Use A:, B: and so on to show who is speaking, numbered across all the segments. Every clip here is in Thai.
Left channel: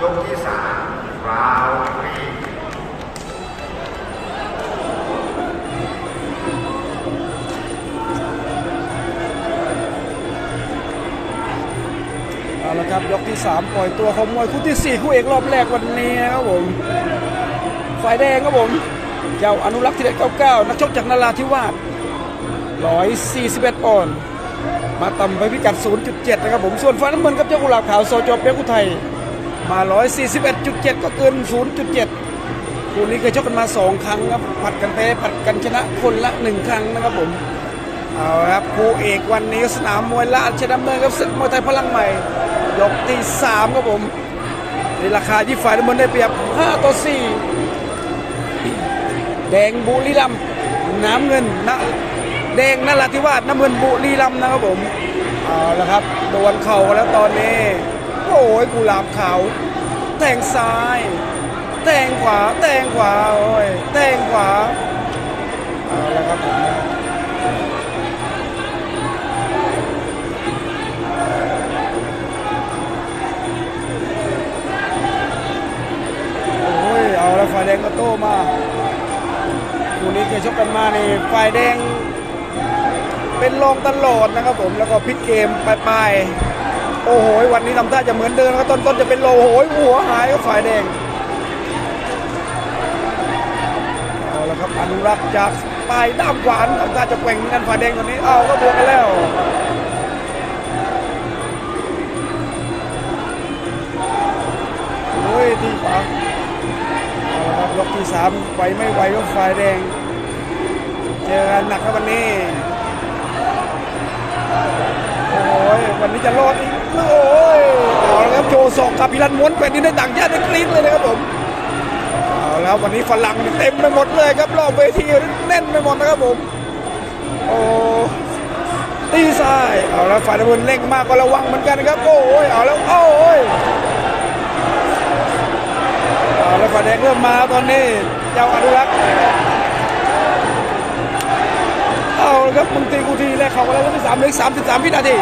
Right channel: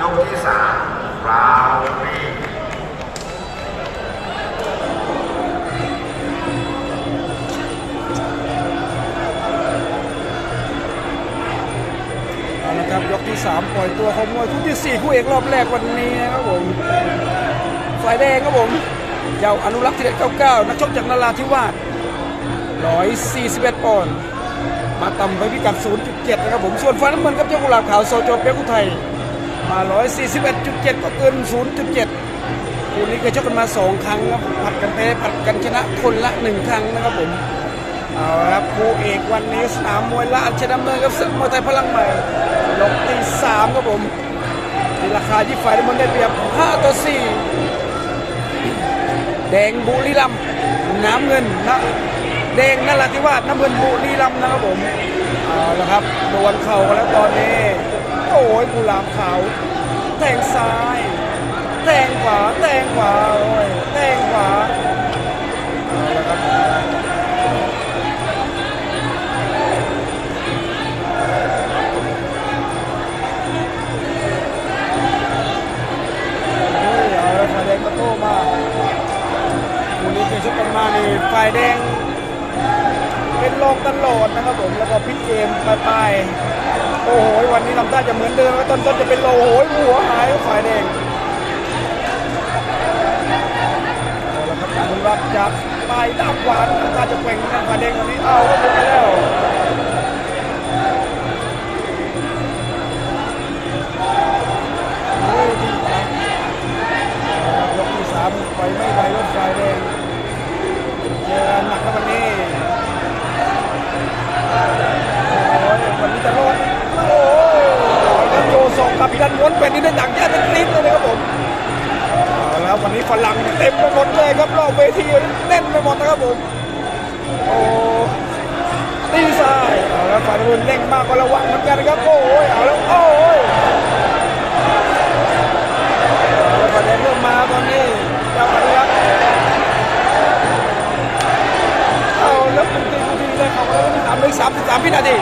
A: ยกที่สามราวมี
B: เอาละครับยกที่ 3 ปล่อยตัวของมวยคู่ที่ 4 คู่เอกรอบแรกวันนี้ครับผมฝ่ายแดงครับผม เจ้าอนุรักษ์ที่เด็ด99 นักชกจากนราธิวาส141ปอนด์มาต่ำไปพิกัด 0.7 นะครับผม ส่วนฝ่ายน้ำเงินครับเจ้ากุหลาบขาวโซโจเปียกุไทย มา141.7 ก็เกิน 0.7 คู่นี้เคยชกกันมา 2 ครั้งครับผัดกันแพ้ผัดกันชนะคนละ 1 ครั้งนะครับผมเอาครับคู่เอกวันนี้สนามมวยราชดำเนินกับศึกมวยไทยพลังใหม่ ยกที่สามครับผมที่ราคาที่ฝ่ายน้ำเงินได้เปรียบ 5 ต่อ 4 แดงบุรีรัมน้ำเงินนะแดงนราธิวาสน้ำเงินบุรีรัมนะครับผมเอาละครับโดนเข่ากันแล้วตอนนี้ โอ้ยกุหลาบขาแทงซ้ายแทงขวาแทงขวาโอ้ยแทงขวาเอาละครับโอ้ยเอาไว้ฝ่ายแดงก็โต้มาคู่นี้เคยชกกันมานี่ฝ่ายแดงเป็นรองตลอดนะครับผม แล้วก็พลิกเกมไปลายๆ โอ้โหวันนี้ทำท่าจะเหมือนเดิมนะครับต้นๆจะเป็นโลโอ้โหหัวหายฝ่ายแดงเอาละครับอนุรักษ์จากปลายด้ามขวานทำท่าจะแกว่งกันฝ่ายแดงวันนี้เอาก็บวกกันแล้วโอ้ยดีไปยกที่สามไปไม่ไหวก็ฝ่ายแดงเจอกันหนักครับวันนี้ รันม้วนเป็นที่ได้ดังแค่เป็นคลิปเลยนะครับผมเอาละครับวันนี้ฝรั่งเต็มไปหมดเลยครับรอบเวทีแน่นไปหมดนะครับผมโอ้ตีซ้ายเอาละฝ่ายน้ำเงินเร่งมากก็ระวังเหมือนกันนะครับโอ้ยเอาแล้วโอ้ยแล้วก็แดงเริ่มมาตอนนี้เจ้าอนุรักษ์เอาแล้วคุณตีกูทีได้ครับแล้วก็สามเลยสามสิบสามวินาที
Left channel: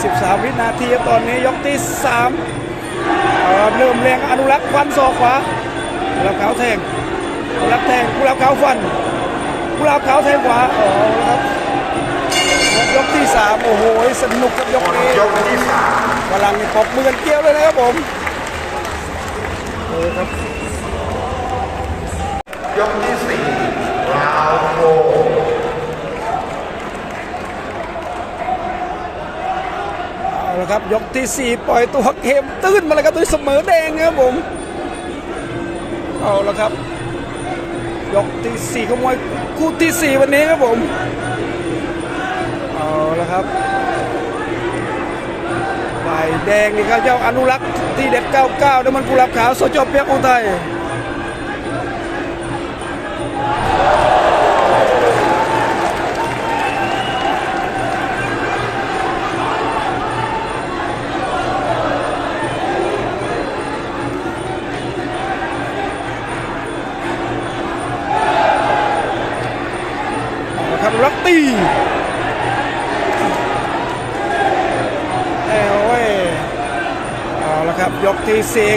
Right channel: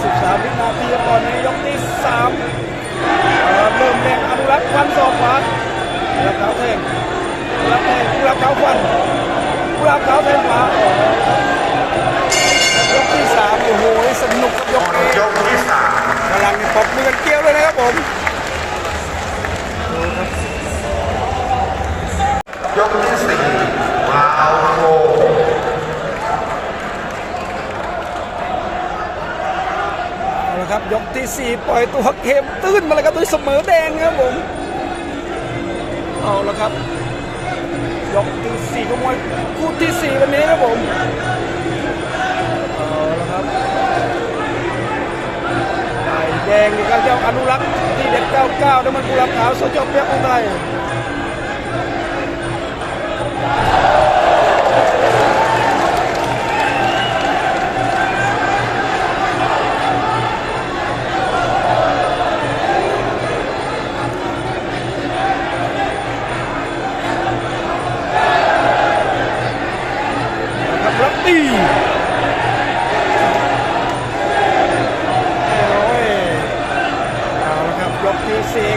B: 13วินาทีตอนนี้ยกที่3ครับเริ่มแรงอนุรักษ์ควันศอกขวากุลาบขาวแทงกุลาบแทงกุลาบขาวฟันกุลาบขาวแทงขวา ยกที่สามโอ้โหสนุกกับย
A: ห
B: ก
A: มด
B: นี้
A: ยกที่สาม
B: กำลังตบมือกันเกลียวเลยนะครับผมดูครับ
A: ยกที่สี่ราวโฟ
B: เอาละครับยกที่สี่ปล่อยตัวเข็มตื้นมาเลยครับด้วยเสมอแดงนะครับผมเอาละครับ ยกที่สี่ขโมยคู่ที่สี่วันนี้ครับผม แดงนี่ครับเจ้าอนุรักษ์ที่เด็ด 99น้วยมันกุหลาบขาวโซเชียลเปียกของไทย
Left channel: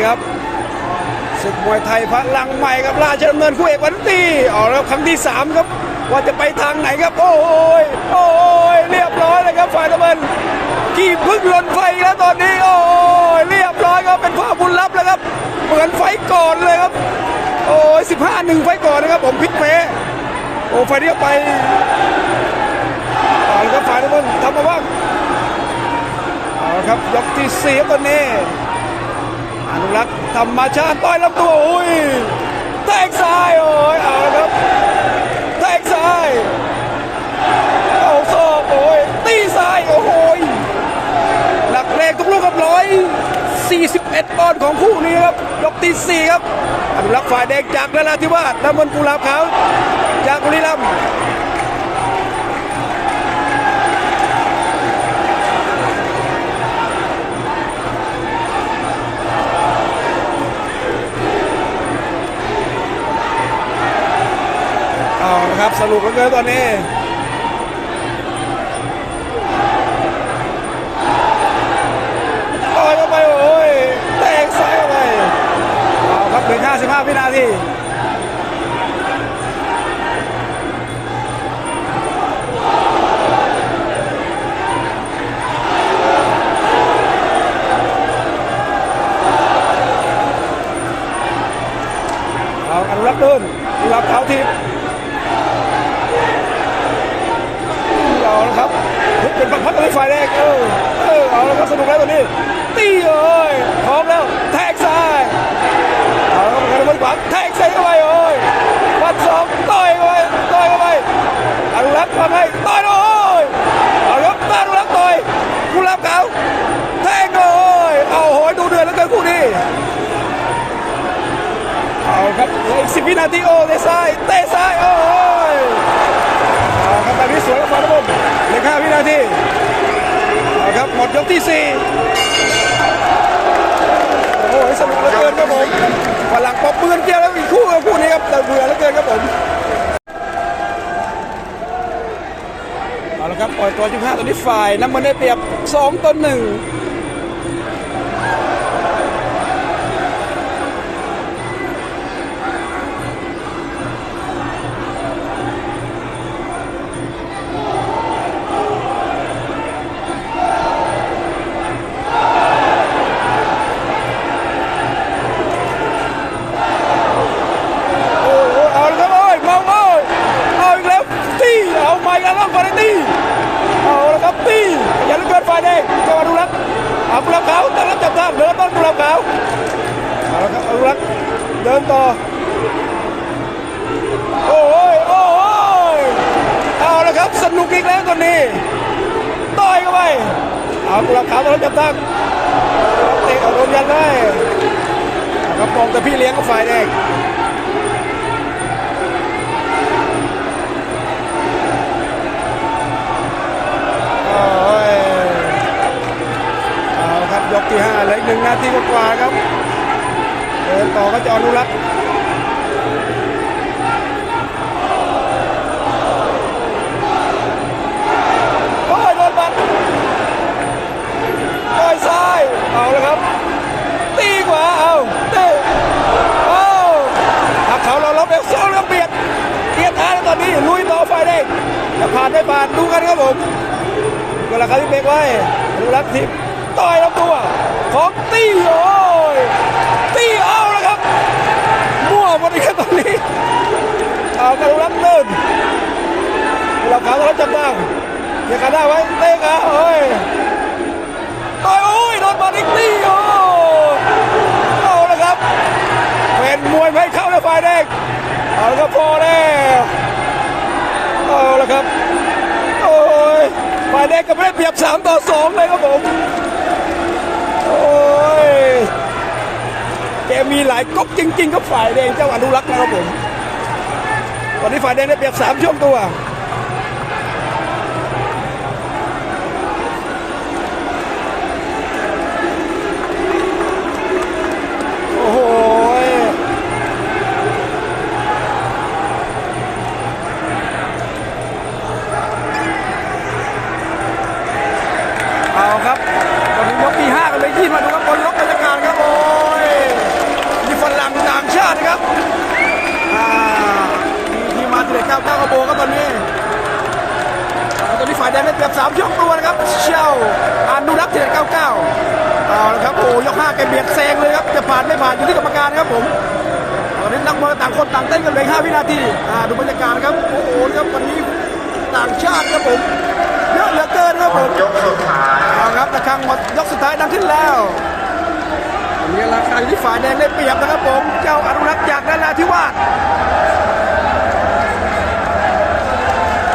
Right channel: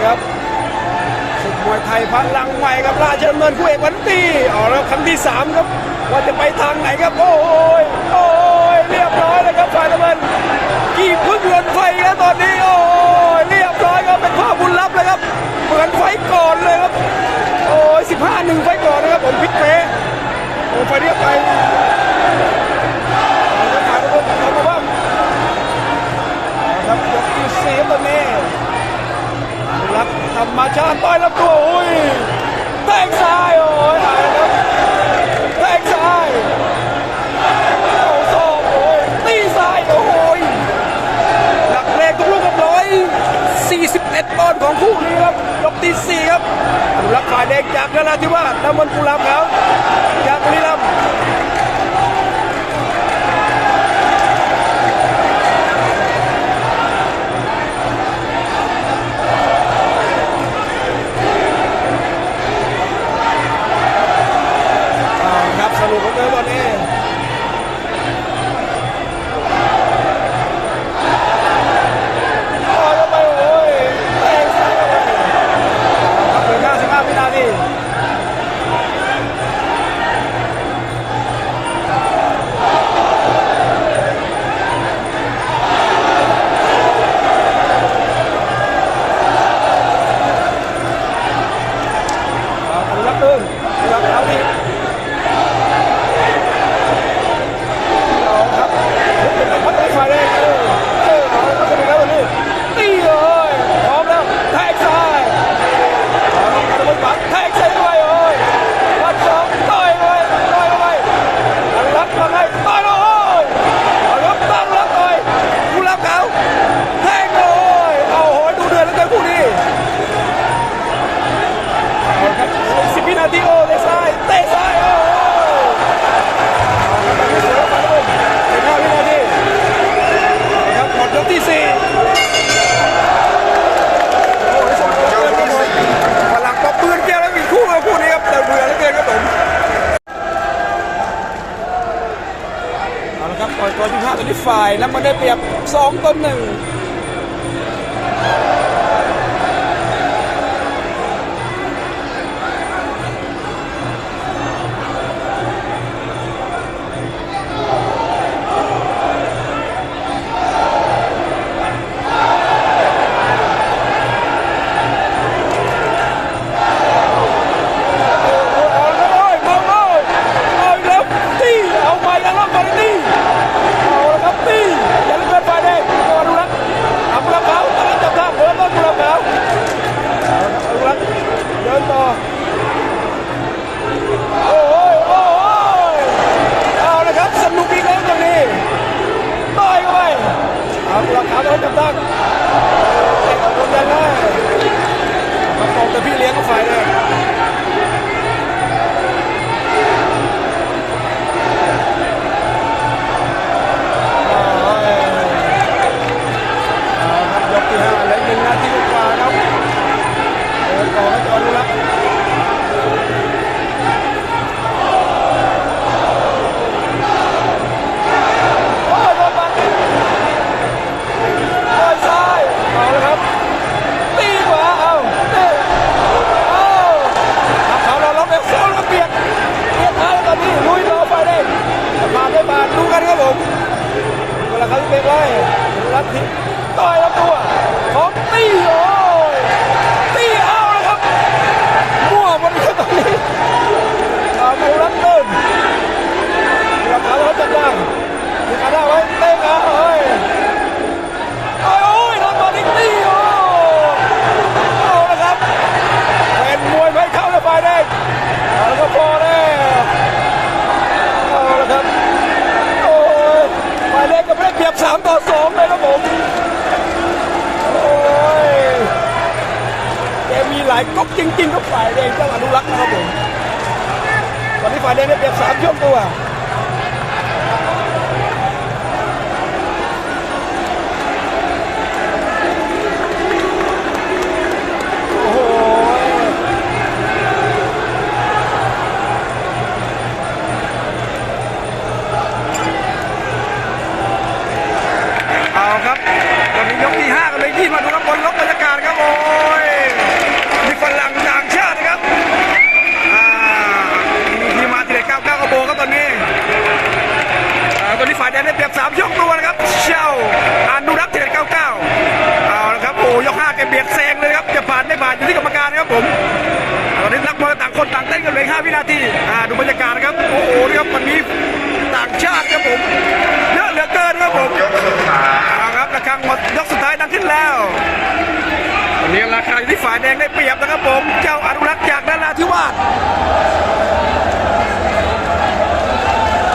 B: ครับศึกมวยไทยพลังใหม่กับราชดำเนินคู่เอกวันตีเอแล้วคำที่สามครับ ว่าจะไปทางไหนครับ โอ้ยโอ้ยเรียบร้อยเลยครับฝ่ายตะเบินกี่พึ่งหล่นไฟแล้วตอนนี้โอ้ยเรียบร้อยครับเป็นภาพบุญลับเลยครับ เหมือนไฟก่อนเลยครับ โอ้ยสิบห้าหนึ่งไฟก่อนนะครับผมพิษเปรโอ้ไฟเรียกไปไปครับฝ่ายน้ำเงินทำมาบ้างเอาละครับยกที่สี่ตอนนี้ อนุรักษ์ธรรมชาติต่อยลำตัวอุ้ยแทงซ้ายโอ้ยเอะครับแทงซ้ายเอาศอกโอ้ยตีซ้ายโอ้ยหลักแรงทุกลูกครับร้อยสี่สิบเอ็ดปอนด์ของคู่นี้ครับยกที่สี่ครับรักษ์ฝ่ายแดงจากนราธิวาสน้ำมันกุลาบขาวจากบุรีรัมย์ อีกสิบวินาทีโอ้เตะซ้ายเตะซ้ายโอ้ยครับตอนนี้เสียฟันบนเหลือห้าวินาทีนะครับหมดยกที่สี่โอ้ยสนุกเหลือกินครับผมพลังปอบปืนเปรี้ยวแล้วอีกคู่กับคู่นี้ครับแต่เบื่อเหลือเกินครับผมเอาละครับปล่อยตัวทุกท่าตอนนี้ฝ่ายน้ำมันได้เปรียบสองต่อหนึ่ง เอนนั้นจับท่าเออกโดนยันเลยเอาครับปองแต่พี่เลี้ยงก็ฝ่ายแด ครับผมเวลาเขาที่เบรกไว้ดูรัตทิพย์ต่อยลำตัวของตี้โอ้ยตี้เอาแล้วครับมั่วหมดอีกครับตอนนี้เอามาดูรัดเดินเวลาเขาแล้วจับได้เดี๋ยวขาได้ไว้เตะขา หลายก๊กจริงๆครับฝ่ายแดงเจ้าอนุรักษ์นะครับผมตอนนี้ฝ่ายแดงได้เปรียบสามช่วงตัว อนนี้ฝ่ายแดงได้เปรียบ3ช่องตัวนะครับเช่าอนุรักษ์ทีเด็ด99เอาละครับโอ้ยก5แกเบียดแซงเลยครับจะผ่านไม่ผ่านอยู่ที่กรรมการครับผมตอนนี้นักมวยต่างคนต่างเต้นกันเลย5วินาทีอ่าดูบรรยากาศครับโอ้โหนี่ครับวันนี้ต่างชาติครับผมเยอะเหลือเกินครับผม
A: ยกสุดท้าย
B: เอาครับระฆังหมดยกสุดท้ายดังขึ้นแล้ววันนี้ราคาอยู่ที่ฝ่ายแดงได้เปรียบนะครับผม เจ้าอนุรักษ์จากนาราธิวาส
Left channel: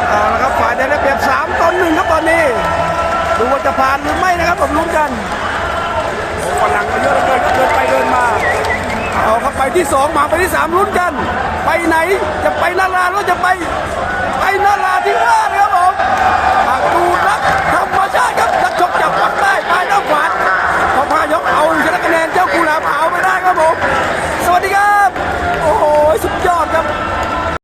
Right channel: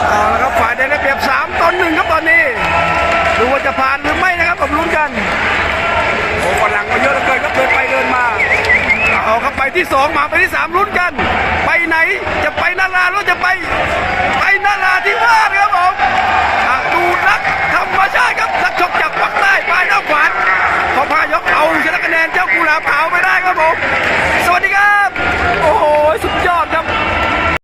B: เอาละครับฝ่ายแดงได้เปรียบ3ต่อหนึ่งครับตอนนี้ ดูว่าจะผ่านหรือไม่นะครับผมลุ้นกันโอ้ฝรั่งมาเยอะเหลือเกินครับเดินไปเดินมา เอาครับไปที่สองมาไปที่สามลุ้นกัน ไปไหนจะไปนาราหรือจะไป ไปนาราธิวาสครับผมอนุรักธรรมชาติครับนักชกจากภาคใต้ปลายน้ำขวานขอพายกเอาชนะคะแนนเจ้ากุหลาบขาวไปได้ครับผม สวัสดีครับ โอ้โห สุดยอดครับ